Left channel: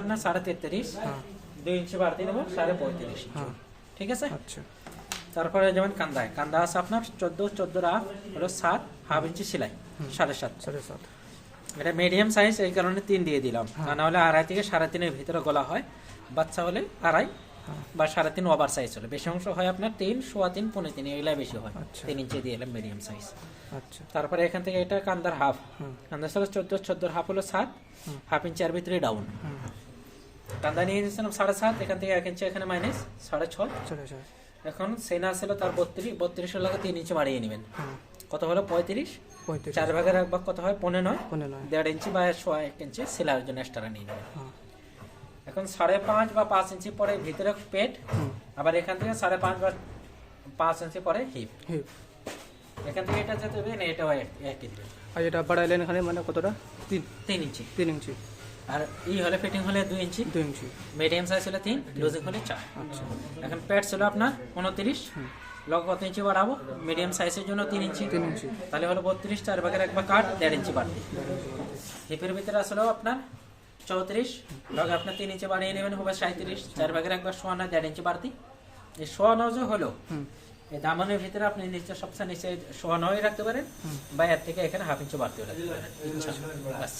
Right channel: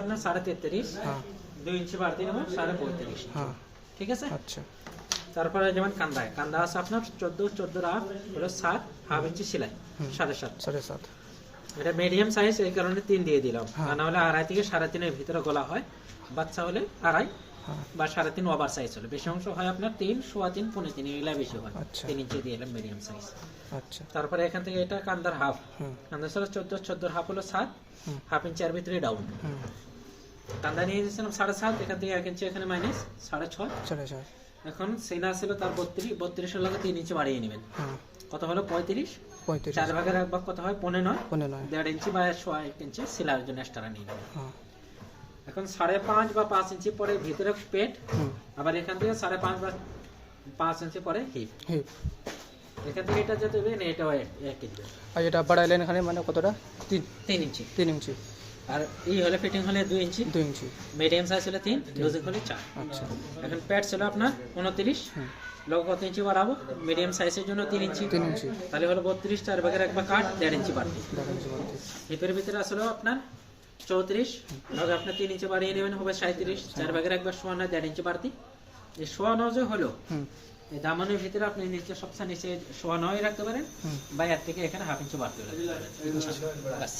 আপনার 33.5, হ্যাঁ 2 ইঞ্চি বাড়তি নেবো 35.5। হ্যাঁ ঠিক আছে। আচ্ছা তারপরে যেমন কান্দা আছে আপনার 14 হাফ হলো 7 হাফ ইঞ্চি সেলাই 7.5। 7.5 এটা মিডিয়াম সাইজ, এই কারণে 3 দিয়ে দিলাম। হ্যাঁ। না হলে 2.5 থেকে 3.5 ভিতরে গলা হয়, বাচ্চা হলে 2.5 হ্যাঁ বা 3.5 ওভার সাইজ হলে। বেশি অংশ হয় আপনার 3, 3.25, 3.5 এগুলা বেশি হয়। আচ্ছা। 3 ইঞ্চি দিয়ে এলাম মিডিয়াম সাইজ। আচ্ছা তারপরে এখান থেকে এটা কান্দার হাফ, হুম কান্দার ছিল 14 হাফ হলো 7 হুম হাফ ইঞ্চি আর ভিতরে ডাউন। হুম কান্দা নিয়ে নিয়েছিলাম 7.5, এখান থেকে 1 ইঞ্চি এখানে মাইনাস 6.5। 4.5 এখন সেনা ছিল তার 32 এর লাগে 3 ইঞ্চি বাড়িয়ে নেবেন। হ্যাঁ কত হলো 35, 35 4 ভাগের 1 ভাগ কত হয় 15, 15 1.5 ইঞ্চি বা 1 ইঞ্চি সেলাইয়ের জন্য এক্সট্রা নিয়ে নেবেন। হ্যাঁ এখন 5.5 বা 5 ইঞ্চি পরে ভিতরে পেট, হুম আবার এখান থেকে 5.5 বা 5 ইঞ্চি পরে হিপ। হিপ এখান থেকে এটা যেতে হবে না, এটাও একই দিবে। আর এটা বাড়াইলেন এখানে মানে কতটা 3 ইঞ্চি। 3 ইঞ্চি আর এই হলে ফিটিং হলে 2 ইঞ্চি, 2 ইঞ্চি মিডিয়াম সাইজ হলে 3, লুজিং হলে 4। আচ্ছা এখন প্যাড ছিল আপনার 29, হুম লগ কত ইঞ্চি বাড়াবো, মিডিয়াম সাইজের জন্য 3 ইঞ্চি, 3 ইঞ্চি তাহলে হলো 32, 4 ভাগের 1 ভাগ কাট 1.5 ইঞ্চি বাড়তি। 1.5 ইঞ্চি বাড়তি হিপের ভিতরে আসলে আপনার 34, লগে আপনার 3 ইঞ্চি বাড়িয়ে নেবেন হবে 37, 4 ভাগের 1 ভাগ সমান 1.5 ইঞ্চি বাড়তি। এই সোয়ানো যে হলো হুম এই দামানের ভিতরে আপনি নিচে সবচেয়ে নিচে সোয়ানো হয়ে রাখতে পারেন, হুম বা এর থেকে এখানে হাফ ইঞ্চি বাড়তি রাখতে পারেন। বাস।